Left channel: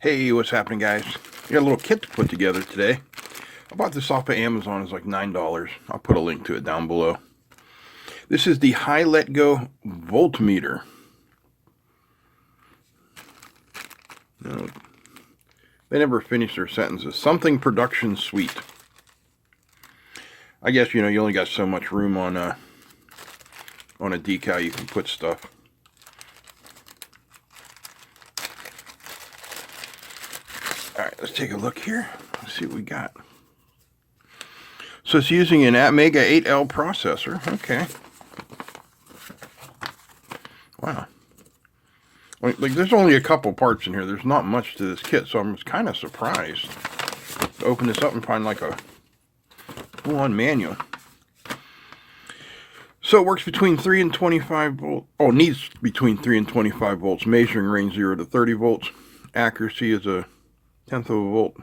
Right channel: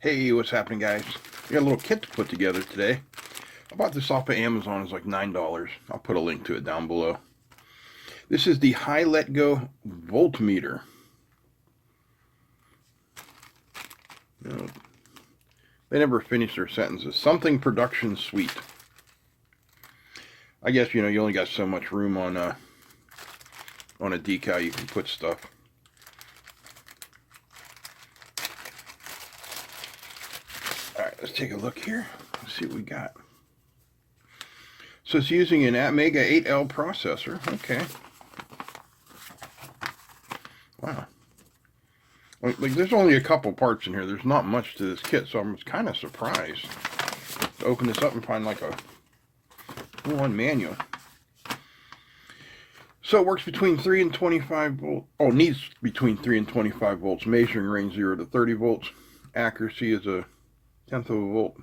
Hey, what's happening, guys? We got a little kit to put together today. I bought this off of Amazon. It's like $9. I'll put a link to it down below. This is the hi-letgo voltmeter. They never finish their sentences. Something production suite. I guess, you only got so much room on a decal you can put stuff. Alright, let's take a look here. Let's see what we got. So it's using an Mega 8L processor. Okay. Wow. Like, there's only a couple parts in here. There's not much to this kit, so I'm kind of surprised to open this up and find like a full-on manual. So it works between 3 and 25 volts. Oh, needs between 3 and 25 volts. Measuring range 0 to 30 volts. Accuracy is a tenth of a volt.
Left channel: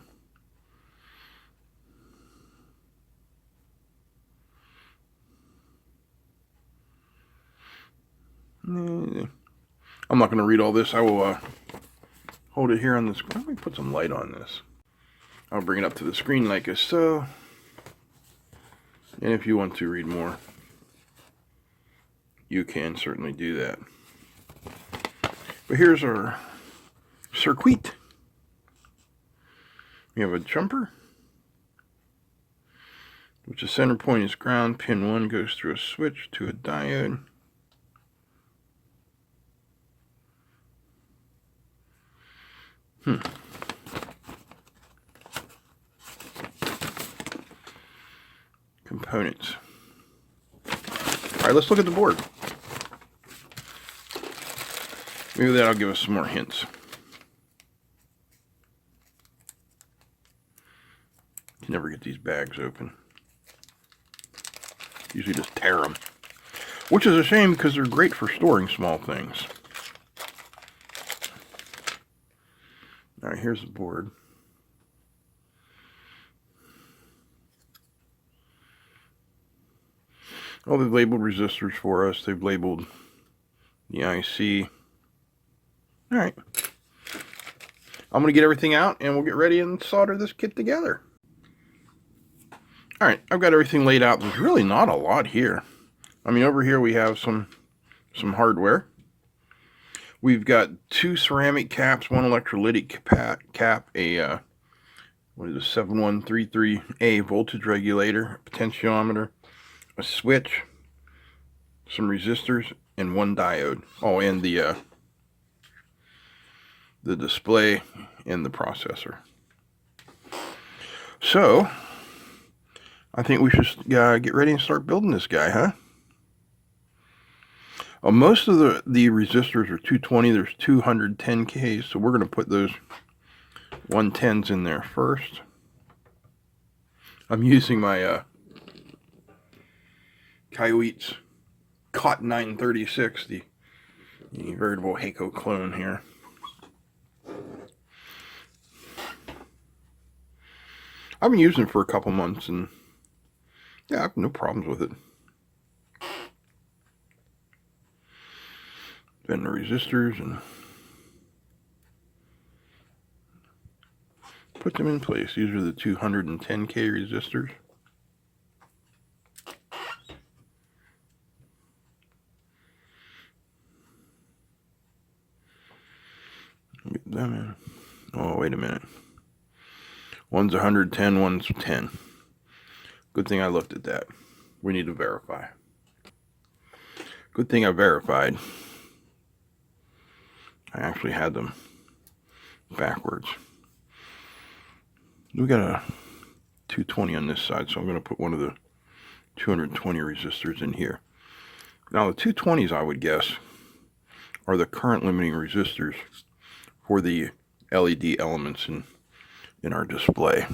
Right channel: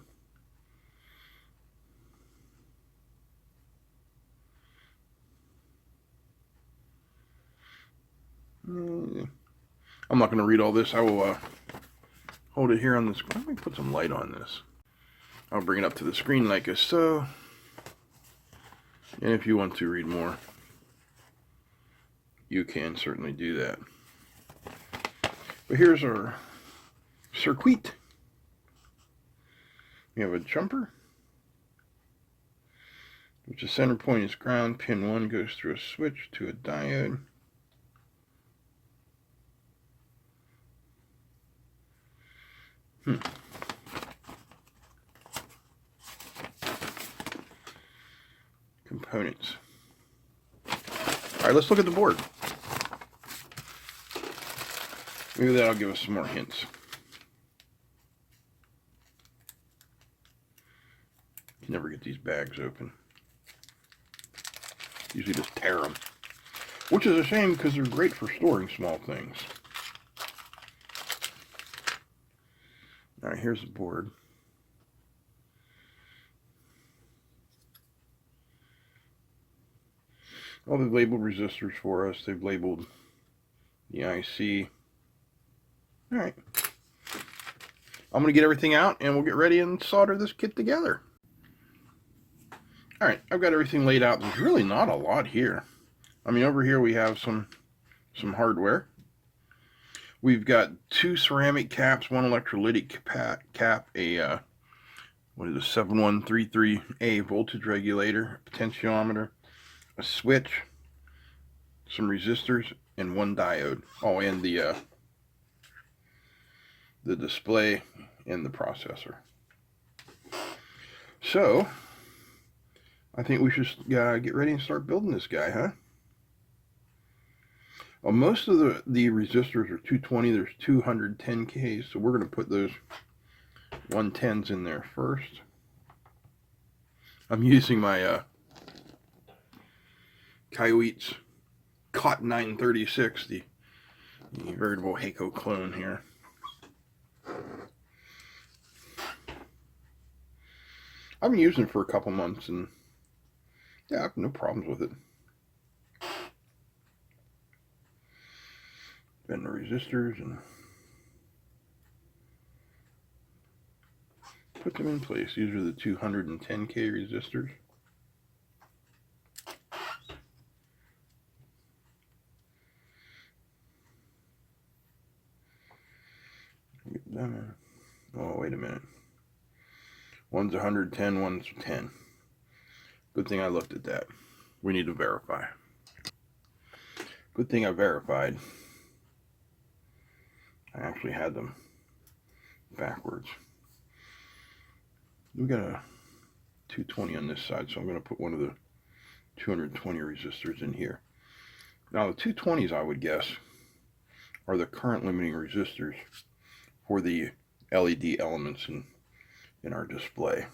I'm not going to read all this. I will hold it here on the screen. Let me put some light on this. I'll bring it up to the screen like so. And if you want to read more, you can certainly do that. But here's our circuit. We have a jumper, which the center point is ground. Pin 1 goes through a switch to a diode. Components. Alright, let's look at the board. Maybe that'll give us some more hints. You never get these bags open. Usually just tear them. Which is a shame because they're great for storing small things. Alright, here's the board. Oh, they've labeled resistors for us. They've labeled the IC. Alright. I'm going to get everything out and we'll get ready and solder this kit together. Alright, I've got everything laid out. There's really not a lot here. I mean, over here we have some hardware. We've got 2 ceramic caps, 1 electrolytic cap, a what is a 7133A voltage regulator, a potentiometer, a switch, some resistors, and 1 diode. Oh, and the display and the processor. So I think we should get ready and start building this guy, huh? Most of the resistors are 220. There's 210Ks, so we're going to put those 110s in there first. I'm using my Kaiweets COT 936, the veritable Heiko clone here. I've been using it for a couple months, and yeah, I have no problems with it. Then the resistors and put them in place. These are the 210K resistors. Get them in. Oh, wait a minute. One's 110, one's 10. Good thing I looked at that. We need to verify. Good thing I verified. I actually had them backwards. We got a 220 on this side, so I'm going to put one of the 220 resistors in here. Now the 220s, I would guess, are the current limiting resistors for the LED elements in our display.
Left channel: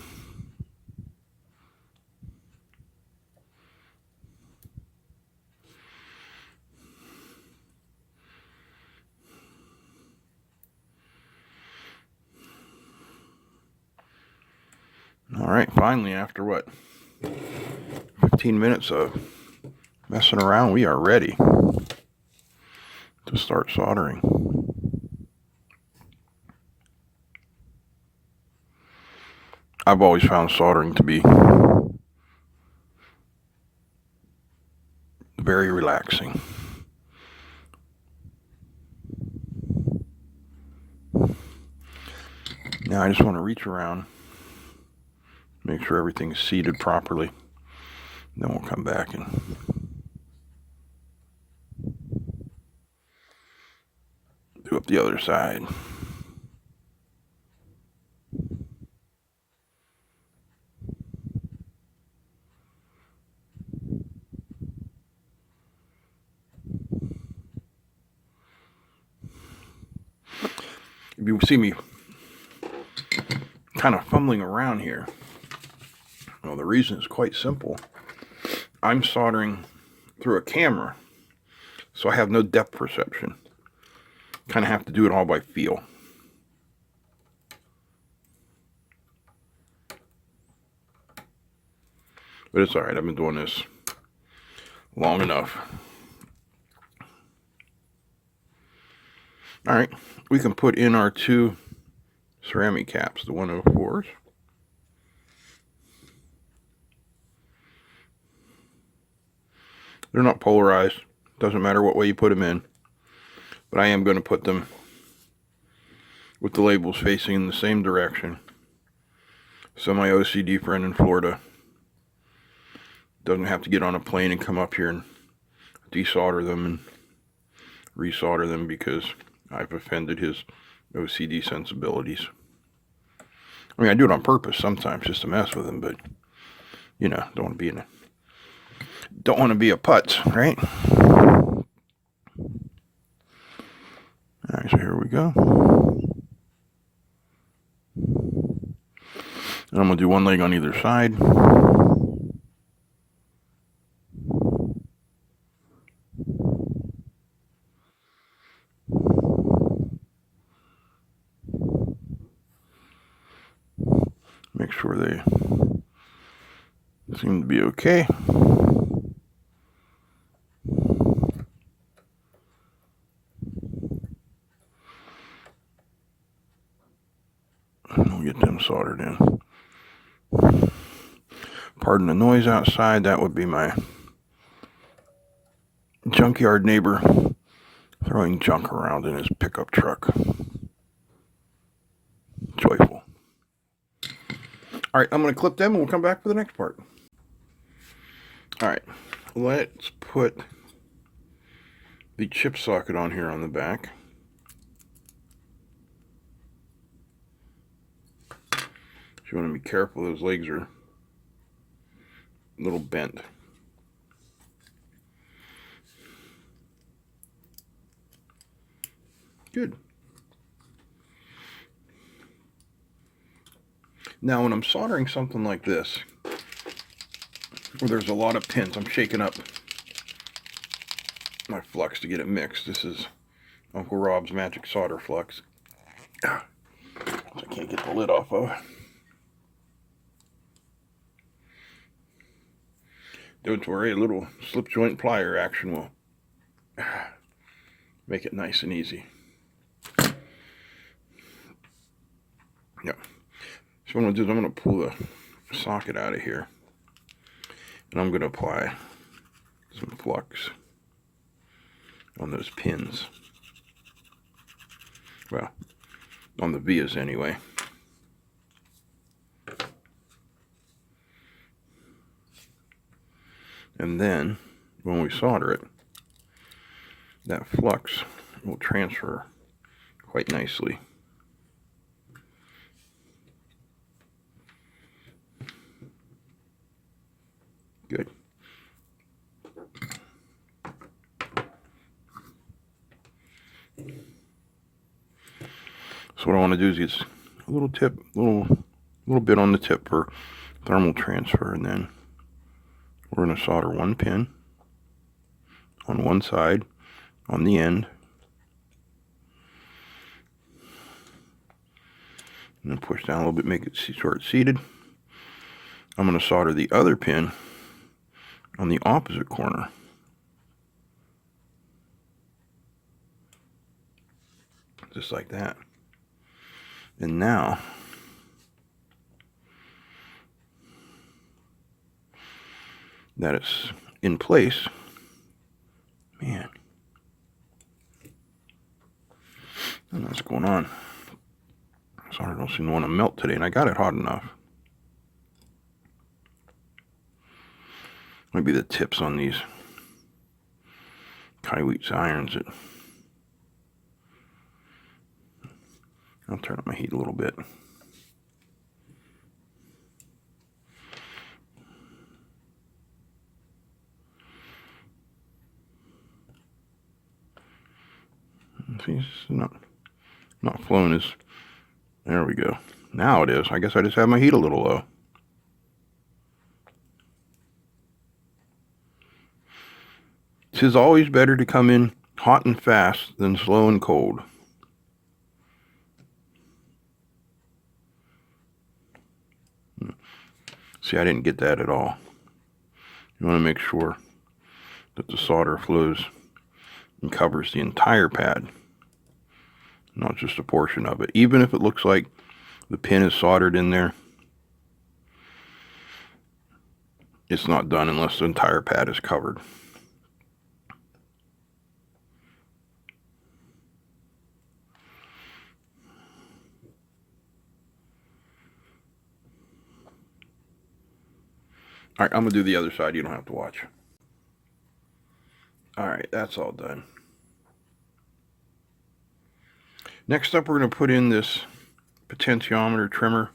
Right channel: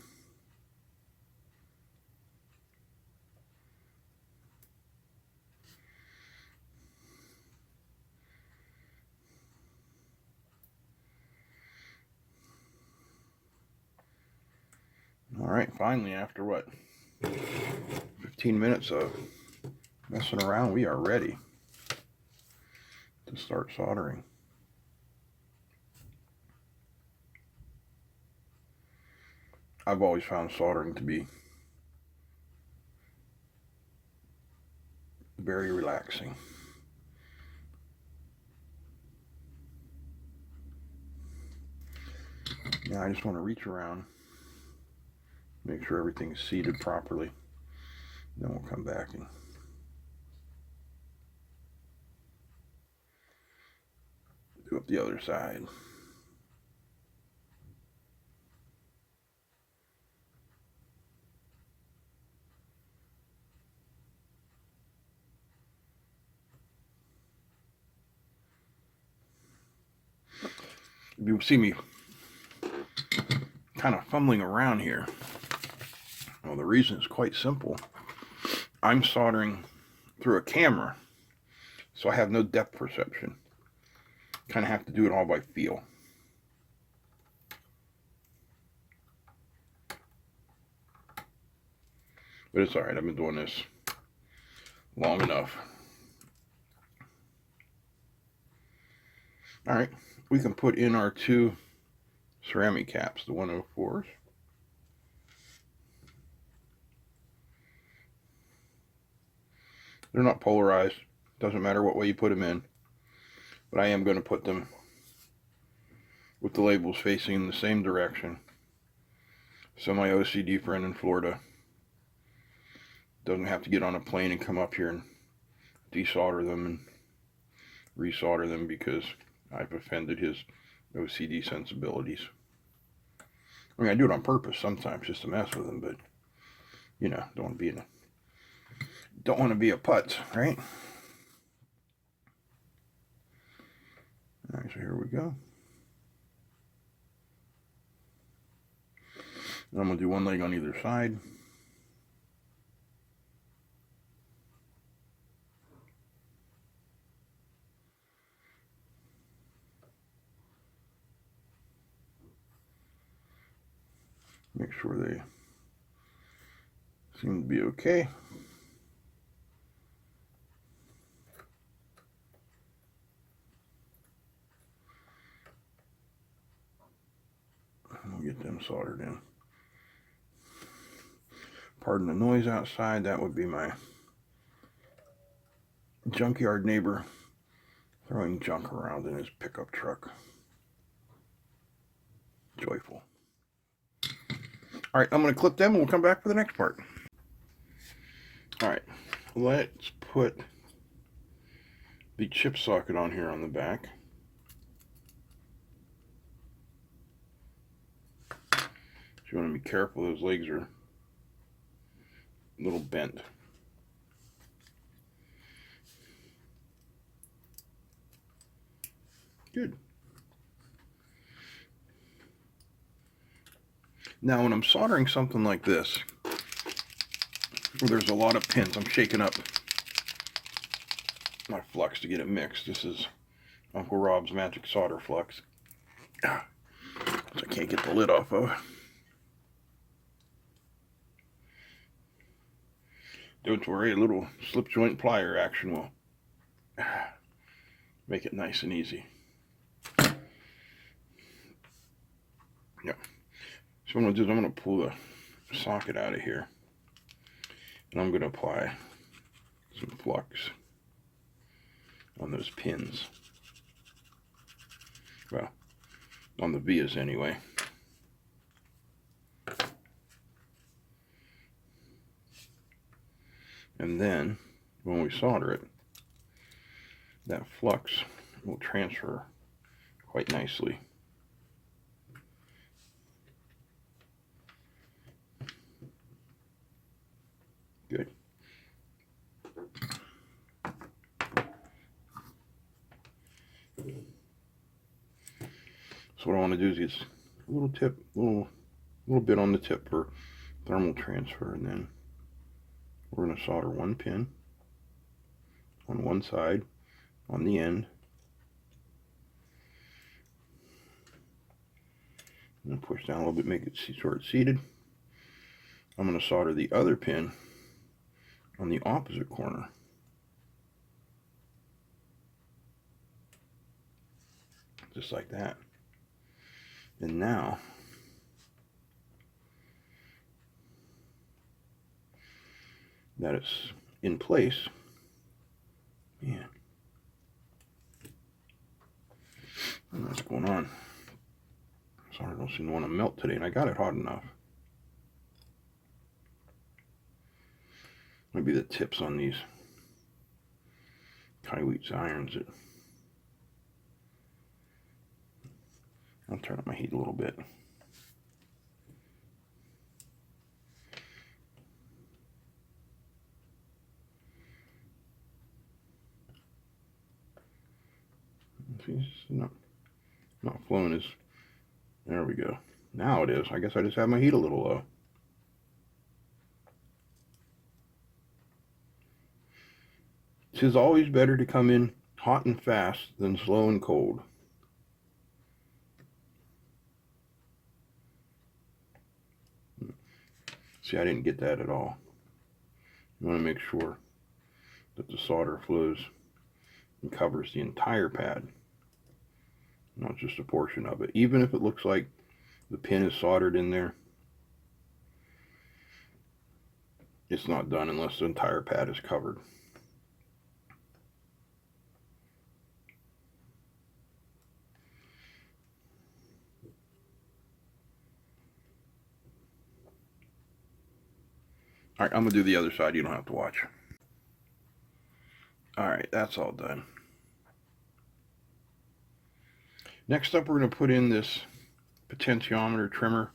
Alright, finally, after what, 15 minutes of messing around, we are ready to start soldering. I've always found soldering to be very relaxing. Now I just want to reach around, make sure everything's seated properly. Then we'll come back and do up the other side. If you see me kind of fumbling around here, well, the reason is quite simple. I'm soldering through a camera, so I have no depth perception. Kind of have to do it all by feel. But it's all right. I've been doing this long enough. All right, we can put in our two ceramic caps, the 104s. They're not polarized. Doesn't matter what way you put them in. But I am going to put them with the labels facing in the same direction, so my OCD friend in Florida doesn't have to get on a plane and come up here and desolder them and resolder them because I've offended his OCD sensibilities. I mean, I do it on purpose sometimes just to mess with him, but you know, don't want to be a putz, right? All right, so here we go. And I'm going to do one leg on either side. Make sure they seem to be okay. And we'll get them soldered in. Pardon the noise outside. That would be my junkyard neighbor throwing junk around in his pickup truck. Joyful. All right, I'm going to clip them and we'll come back for the next part. All right, let's put the chip socket on here on the back. You want to be careful, those legs are a little bent. Good. Now when I'm soldering something like this, where there's a lot of pins, I'm shaking up my flux to get it mixed. This is Uncle Rob's Magic Solder Flux. I can't get the lid off of. Don't worry, a little slip joint plier action will make it nice and easy. Yep. So what I'm going to do is I'm going to pull the socket out of here, and I'm going to apply some flux on those pins. Well, on the vias anyway. And then when we solder it, that flux will transfer quite nicely. Good. So what I want to do is get a little tip, little bit on the tip for thermal transfer, and then we're going to solder one pin on one side on the end, and then push down a little bit, make it sure it's seated. I'm going to solder the other pin on the opposite corner. Just like that. And now that it's in place. Man, I don't know what's going on. Solder don't seem to want to melt today, and I got it hot enough. Maybe the tips on these Kaiweets irons. I'll turn up my heat a little bit. See, it's not flowing as. There we go. Now it is. I guess I just have my heat a little low. It's always better to come in hot and fast than slow and cold. See, I didn't get that at all. You want to make sure that the solder flows and covers the entire pad, not just a portion of it. Even if it looks like the pin is soldered in there, it's not done unless the entire pad is covered. All right, I'm going to do the other side. You don't have to watch. All right, that's all done. Next up, we're going to put in this potentiometer trimmer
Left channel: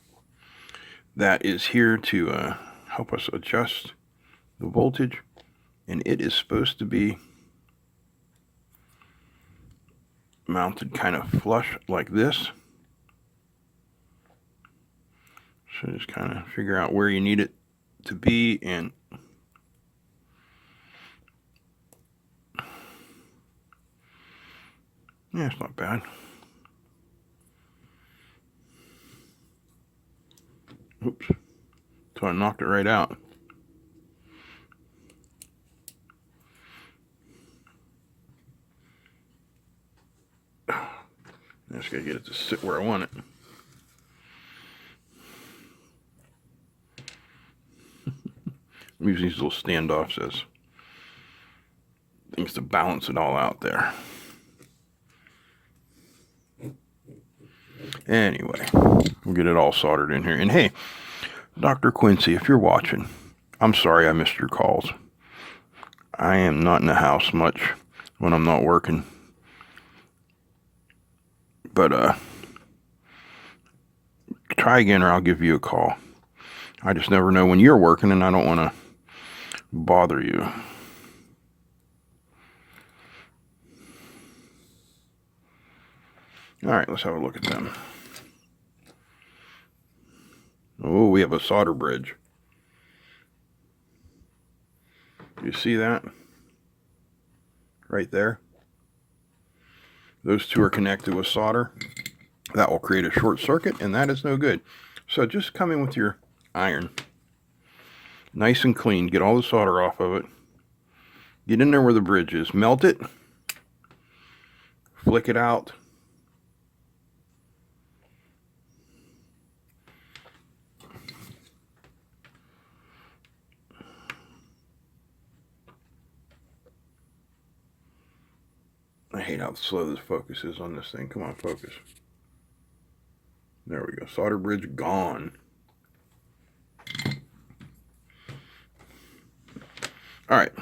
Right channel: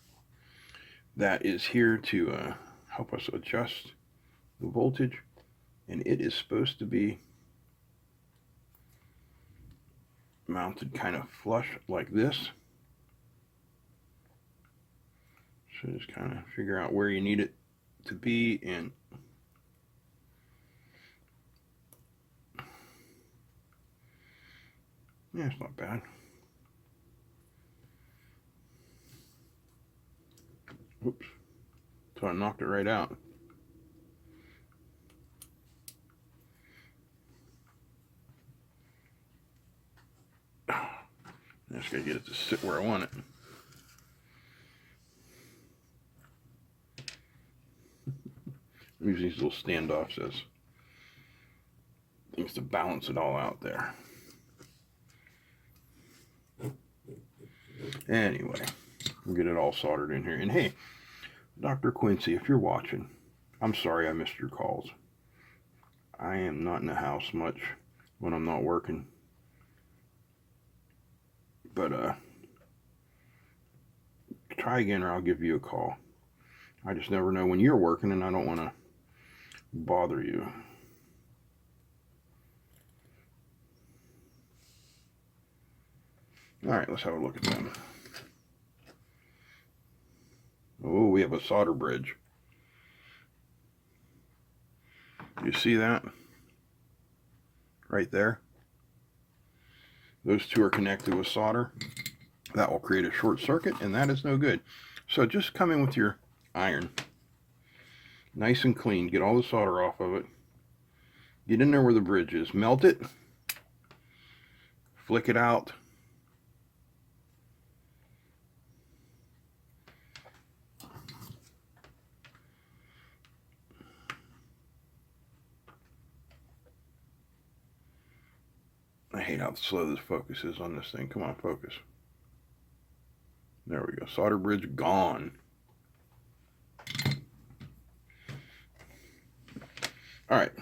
that is here to help us adjust the voltage, and it is supposed to be mounted kind of flush like this. So just kind of figure out where you need it to be, and yeah, it's not bad. Oops, so I knocked it right out. I just gotta get it to sit where I want it. I'm using these little standoffs as things to balance it all out there. Anyway, we'll get it all soldered in here. And hey, Dr. Quincy, if you're watching, I'm sorry I missed your calls. I am not in the house much when I'm not working. But try again or I'll give you a call. I just never know when you're working, and I don't want to bother you. All right, let's have a look at them. Oh, we have a solder bridge. Do you see that? Right there. Those two are connected with solder. That will create a short circuit, and that is no good. So just come in with your iron. Nice and clean. Get all the solder off of it. Get in there where the bridge is. Melt it. Flick it out. I hate how slow this focus is on this thing. Come on, focus. There we go. Solder bridge gone. All right.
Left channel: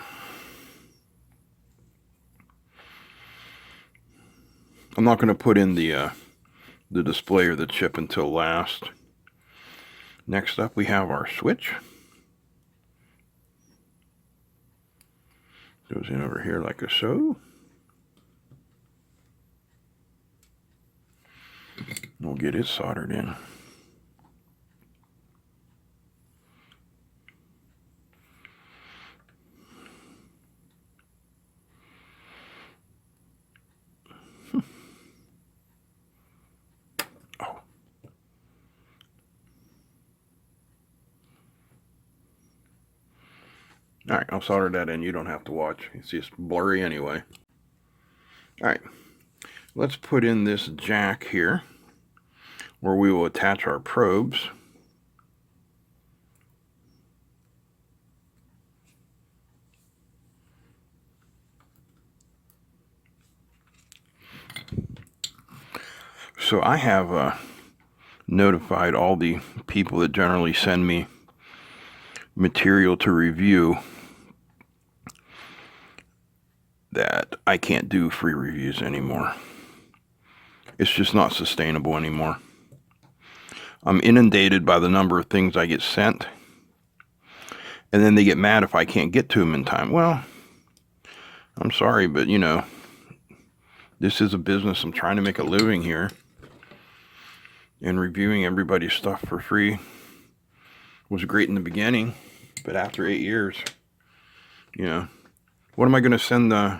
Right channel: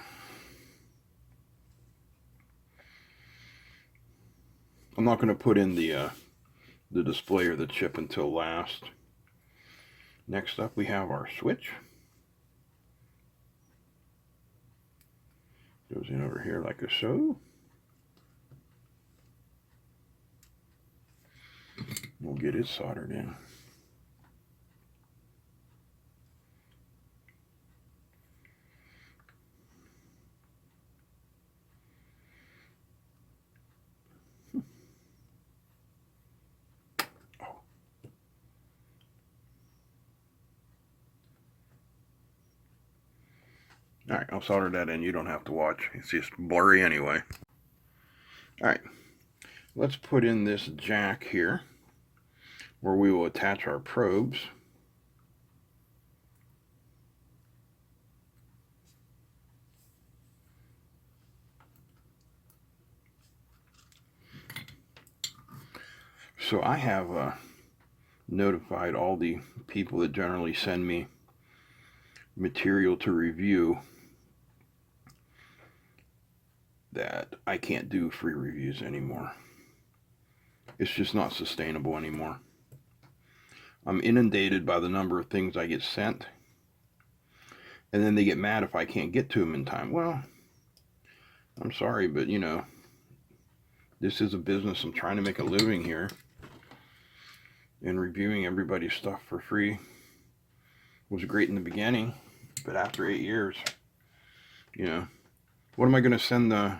I'm not going to put in the display or the chip until last. Next up, we have our switch. Goes in over here like so. We'll get it soldered in. Oh. All right, I'll solder that in. You don't have to watch. It's just blurry anyway. All right, let's put in this jack here where we will attach our probes. So I have notified all the people that generally send me material to review that I can't do free reviews anymore. It's just not sustainable anymore. I'm inundated by the number of things I get sent, and then they get mad if I can't get to them in time. Well, I'm sorry, but you know, this is a business. I'm trying to make a living here, and reviewing everybody's stuff for free was great in the beginning, but after 8 years, you know, what am I going to send the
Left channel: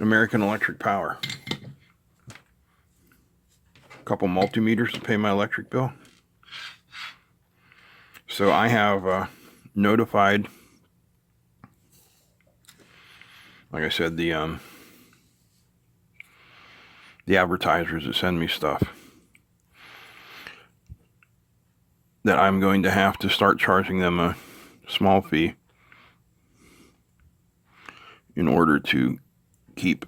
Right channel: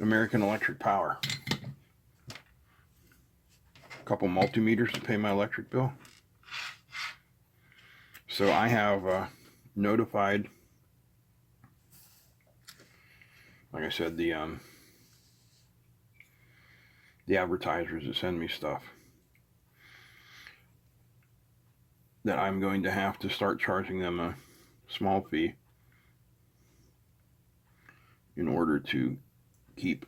American Electric Power? A couple multimeters to pay my electric bill? So I have notified, like I said, the advertisers that send me stuff, that I'm going to have to start charging them a small fee in order to keep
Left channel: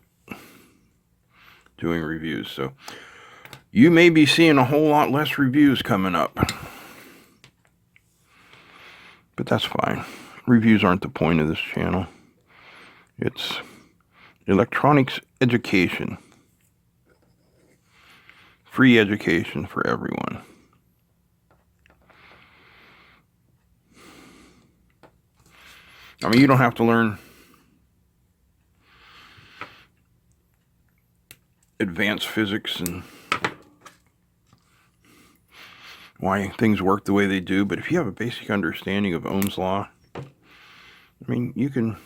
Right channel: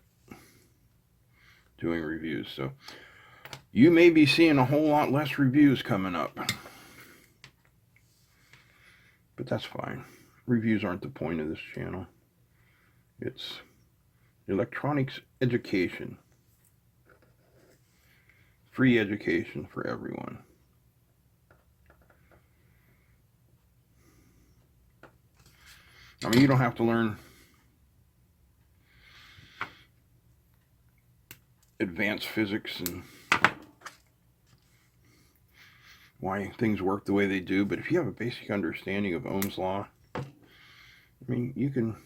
doing reviews. So you may be seeing a whole lot less reviews coming up, but that's fine. Reviews aren't the point of this channel. It's electronics education. Free education for everyone. I mean, you don't have to learn advanced physics and why things work the way they do, but if you have a basic understanding of Ohm's law, I mean, you can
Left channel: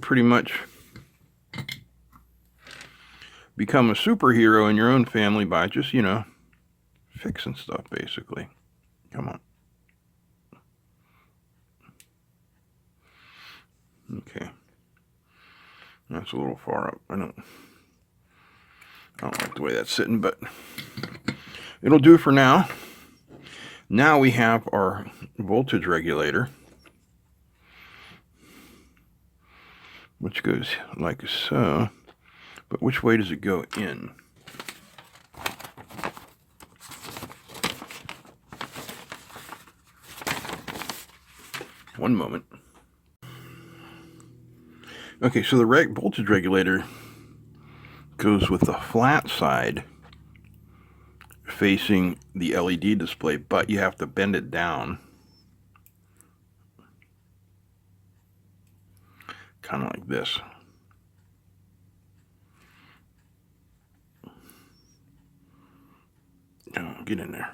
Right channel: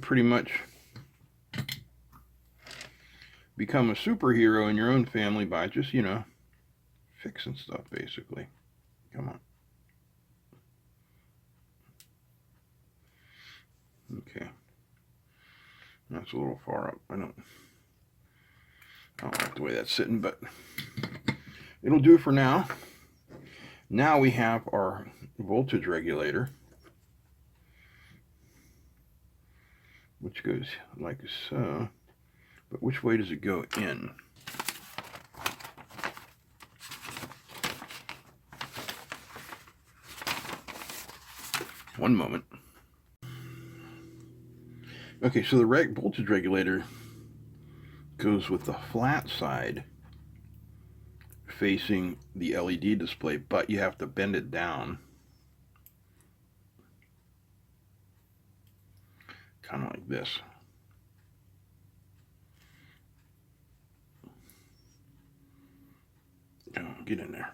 pretty much become a superhero in your own family by just, you know, fixing stuff, basically. Come on. Okay. That's a little far up. I don't like the way that's sitting, but it'll do for now. Now we have our voltage regulator, which goes like so. But which way does it go in? One moment. Okay, so the voltage regulator goes with the flat side facing the LED display, but you have to bend it down. Kind of like this. Oh, get in there.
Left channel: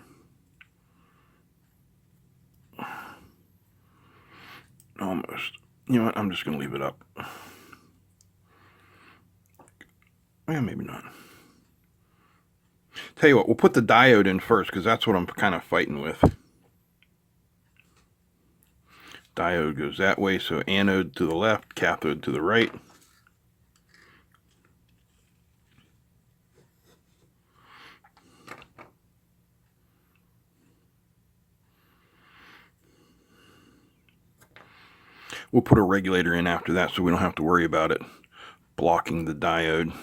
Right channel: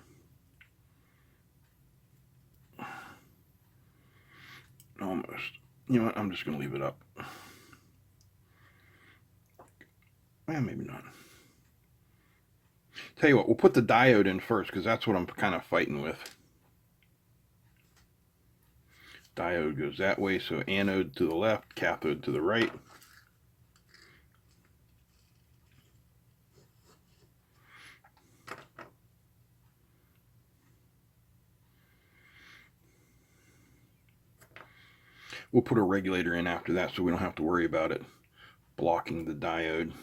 Almost. You know what? I'm just going to leave it up. Yeah, maybe not. Tell you what, we'll put the diode in first because that's what I'm kind of fighting with. Diode goes that way, so anode to the left, cathode to the right. We'll put a regulator in after that so we don't have to worry about it blocking the diode.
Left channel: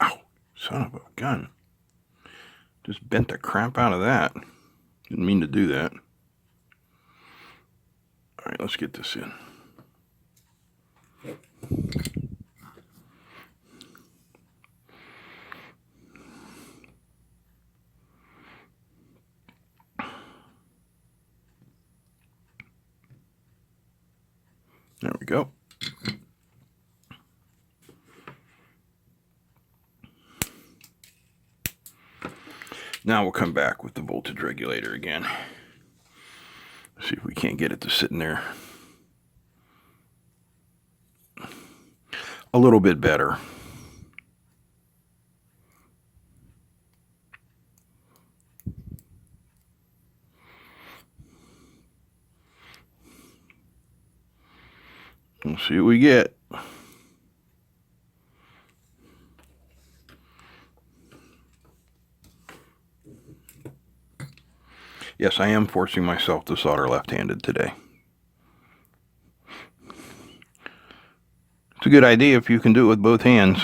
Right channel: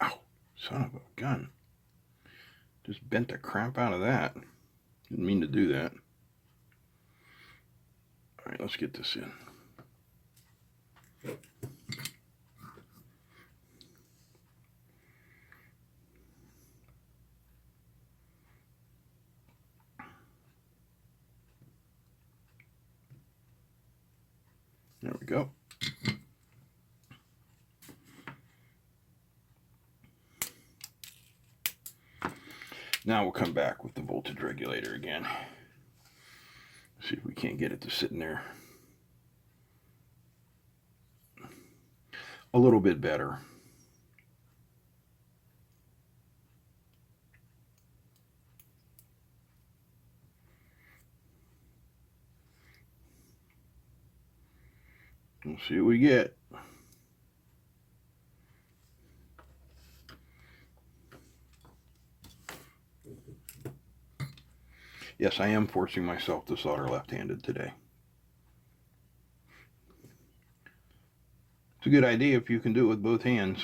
Ow, son of a gun. Just bent the crap out of that. Didn't mean to do that. All right, let's get this in. There we go. Now we'll come back with the voltage regulator again. See if we can't get it to sit in there a little bit better. We'll see what we get. Yes, I am forcing myself to solder left-handed today. It's a good idea if you can do it with both hands.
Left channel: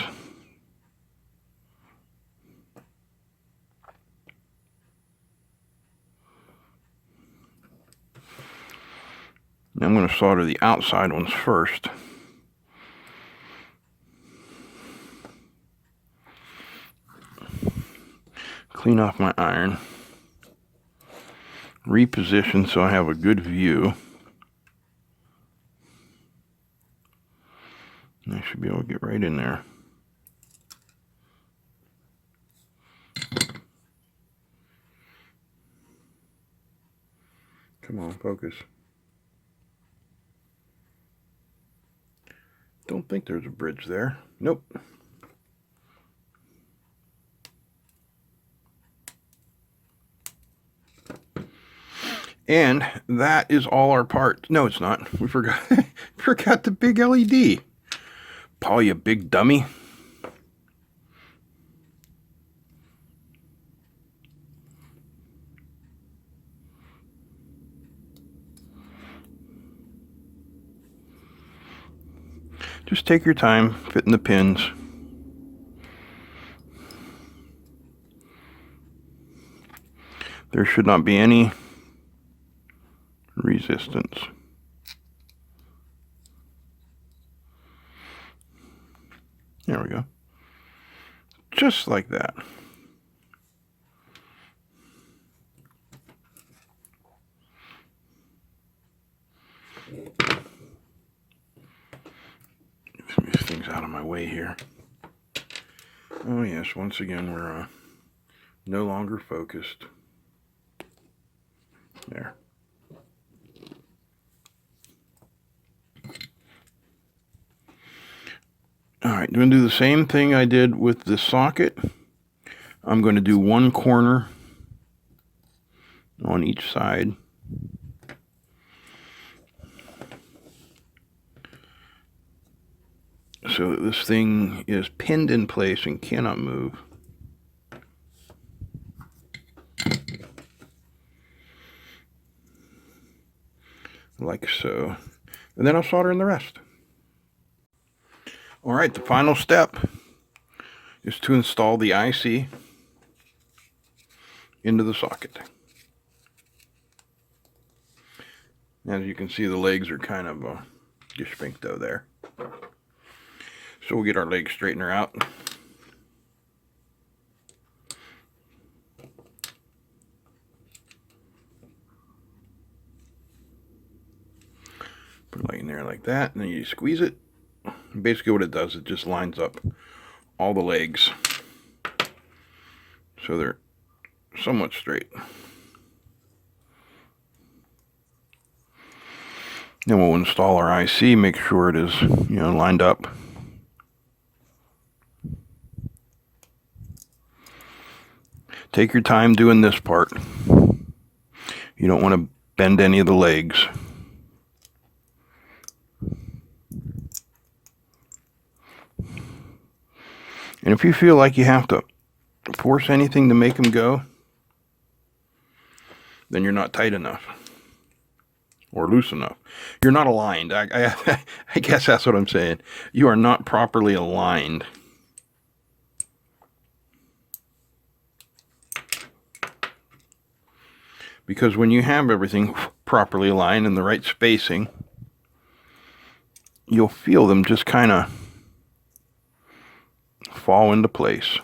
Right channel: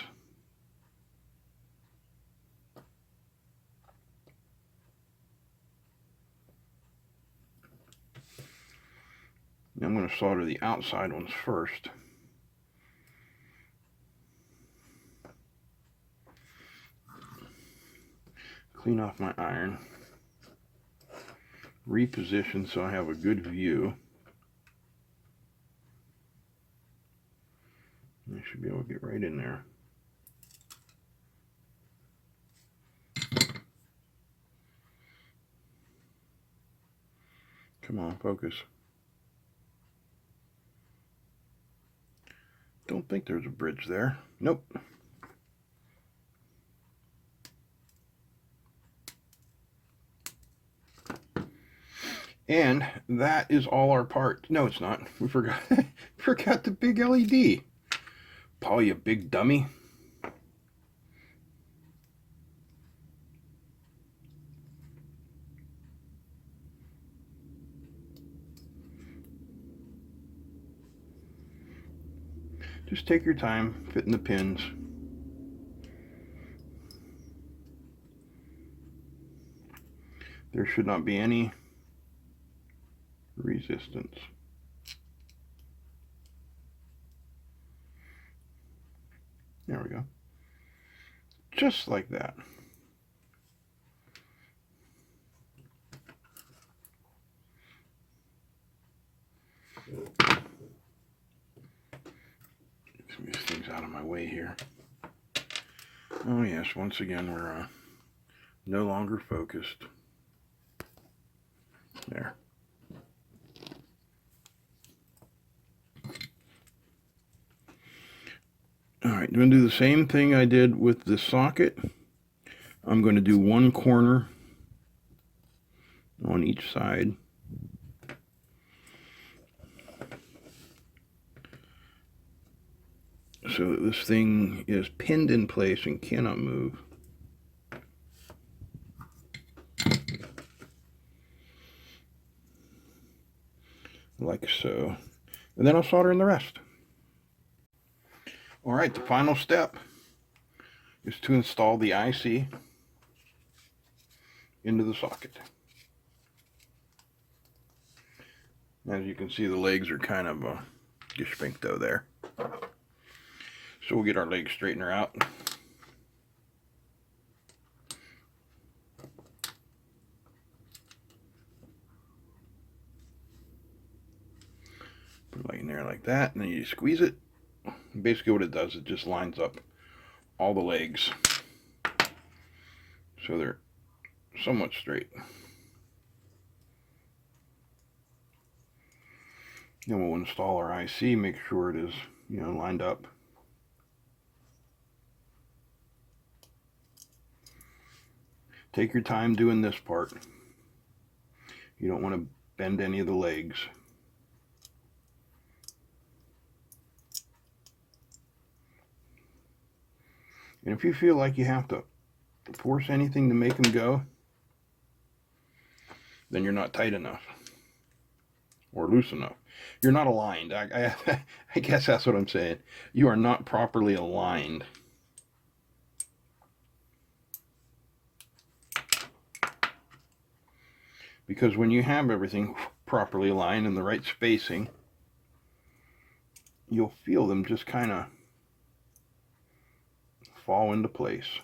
I'm going to solder the outside ones first. Clean off my iron. Reposition so I have a good view. I should be able to get right in there. Come on, focus. Don't think there's a bridge there. Nope. And that is all our parts. No, it's not. We forgot forgot the big LED. Paul, you big dummy. Just take your time fitting the pins. There should not be any resistance. There we go. Just like that. Move these things out of my way here. Oh yes, once again we're no longer focused. There. Alright, I'm going to do the same thing I did with the socket. I'm going to do one corner on each side. So that this thing is pinned in place and cannot move. Like so. And then I'll solder in the rest. Alright, the final step is to install the IC into the socket. As you can see, the legs are kind of gespinkto there. So we'll get our leg straightener out. Put it like in there like that, and then you squeeze it. Basically what it does, it just lines up all the legs so they're somewhat straight. Then we'll install our IC, make sure it is, lined up. Take your time doing this part. You don't want to bend any of the legs. And if you feel like you have to force anything to make them go, then you're not tight enough or loose enough. You're not aligned. I guess that's what I'm saying. You are not properly aligned. Because when you have everything properly aligned in the right spacing, you'll feel them just kind of fall into place.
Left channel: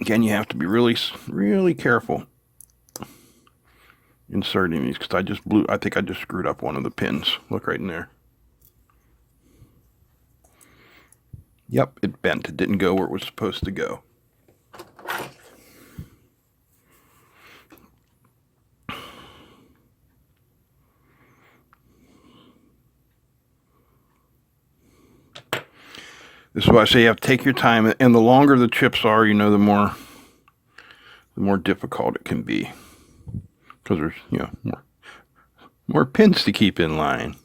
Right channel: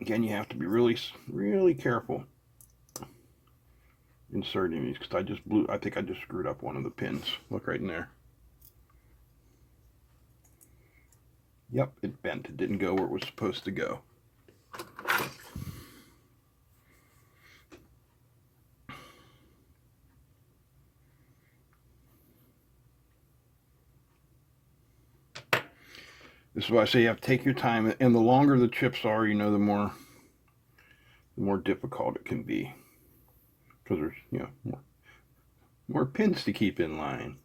Again, you have to be really, really careful inserting these, because I think I just screwed up one of the pins. Look right in there. Yep, it bent. It didn't go where it was supposed to go. This is why I say you have to take your time, and the longer the chips are, the more difficult it can be, because there's more pins to keep in line.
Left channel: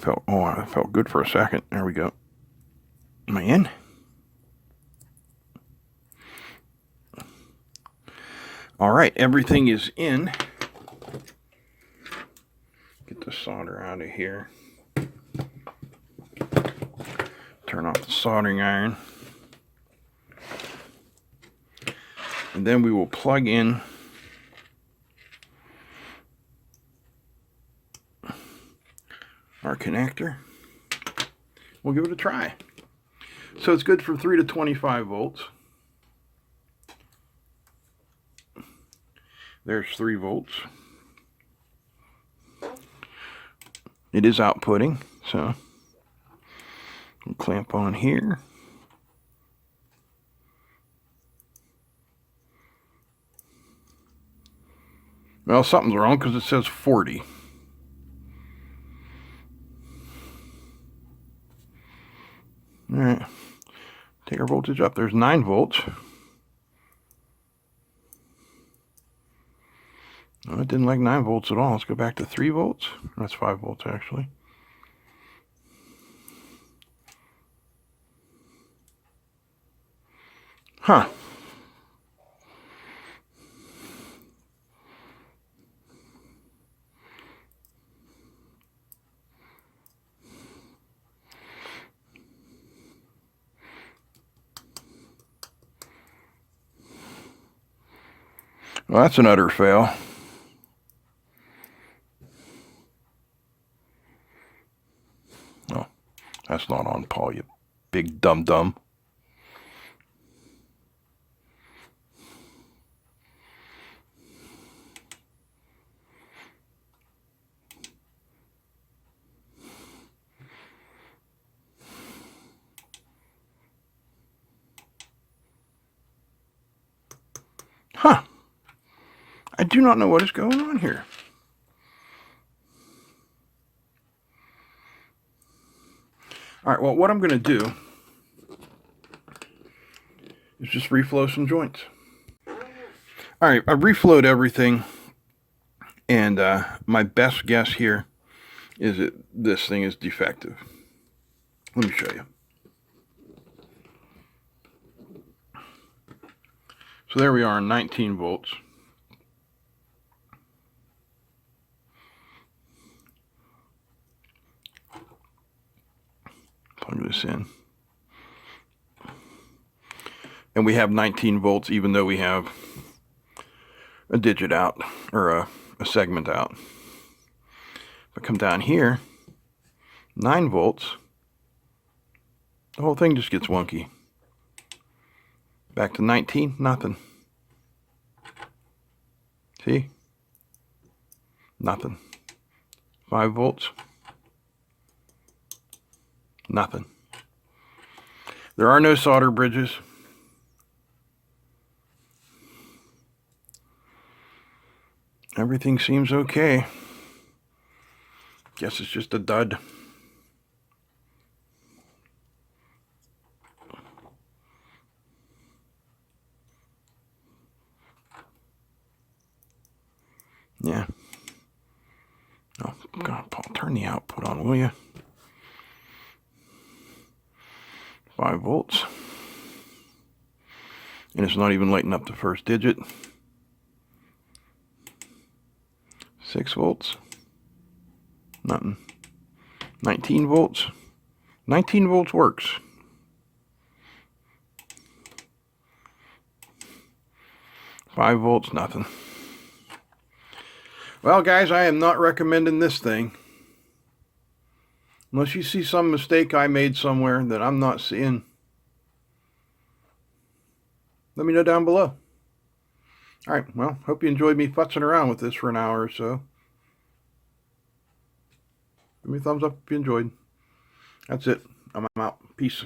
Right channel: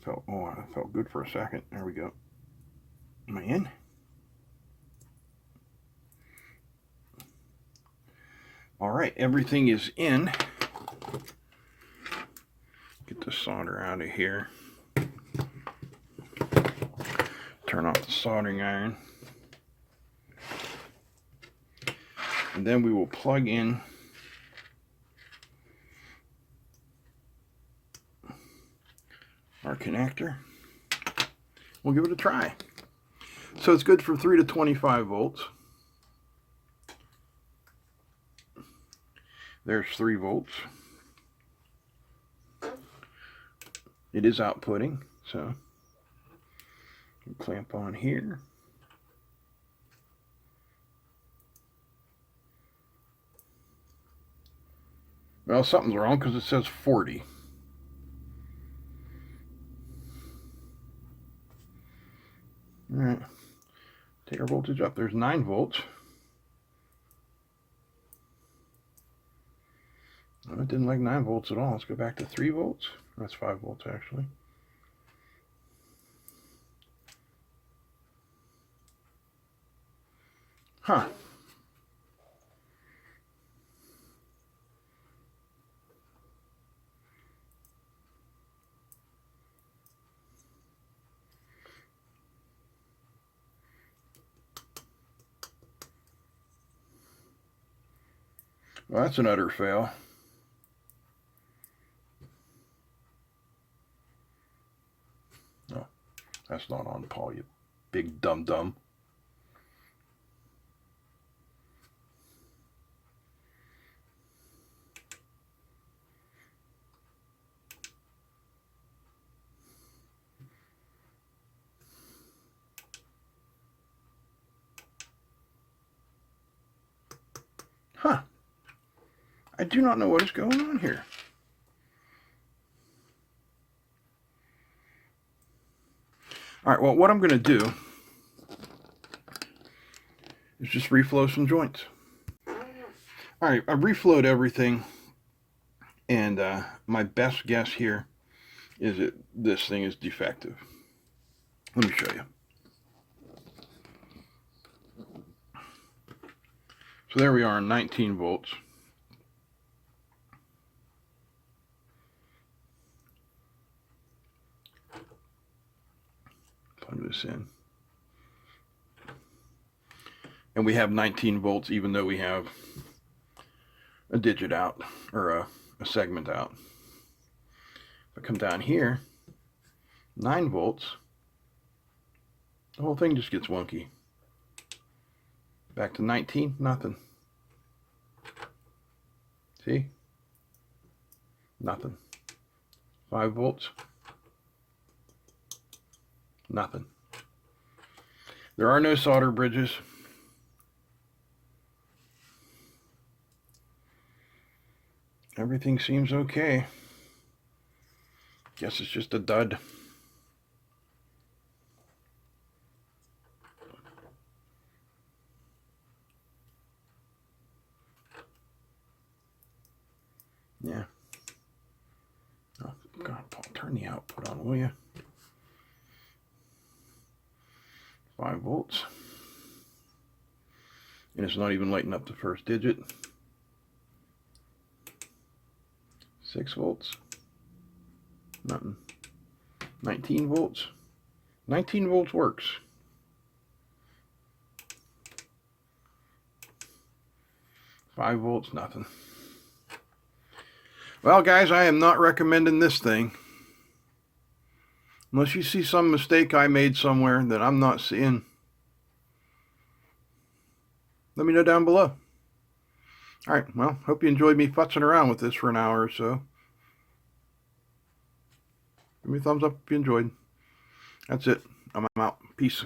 That felt good for a second. There we go. Am I in? All right, everything is in. Get the solder out of here. Turn off the soldering iron. And then we will plug in our connector. We'll give it a try. So it's good for 3 to 25 volts. There's 3 volts. It is outputting, so we'll clamp on here. Well, something's wrong because it says 40. All right, take our voltage up. There's 9 volts. Oh, it didn't like 9 volts at all. Let's go back to 3 volts. That's 5 volts actually. Huh. Well, that's an utter fail. Oh, that's not on, Paul, you big dum-dum. Huh. I do not know what is going on here. All right, well, what I'm going to do is just reflow some joints. All right, I reflowed everything, and my best guess here is that this thing is defective. Let me show you. So there we are, 19 volts. Plug this in. And we have 19 volts even though we have a digit out, or a segment out. If I come down here, 9 volts, the whole thing just gets wonky. Back to 19, nothing. See? Nothing. 5 volts. Nothing. There are no solder bridges. Everything seems okay. Guess it's just a dud. Yeah. Oh, God, Paul, turn the output on, will you? 5 volts. And it's not even lighting up the first digit. 6 volts. Nothing. 19 volts. 19 volts works. Five volts, nothing. Well, guys, I am not recommending this thing. Unless you see some mistake I made somewhere that I'm not seeing, let me know down below. All right, well, hope you enjoyed me futzing around with this for an hour or so. Give me a thumbs up if you enjoyed. That's it. I'm out. Peace.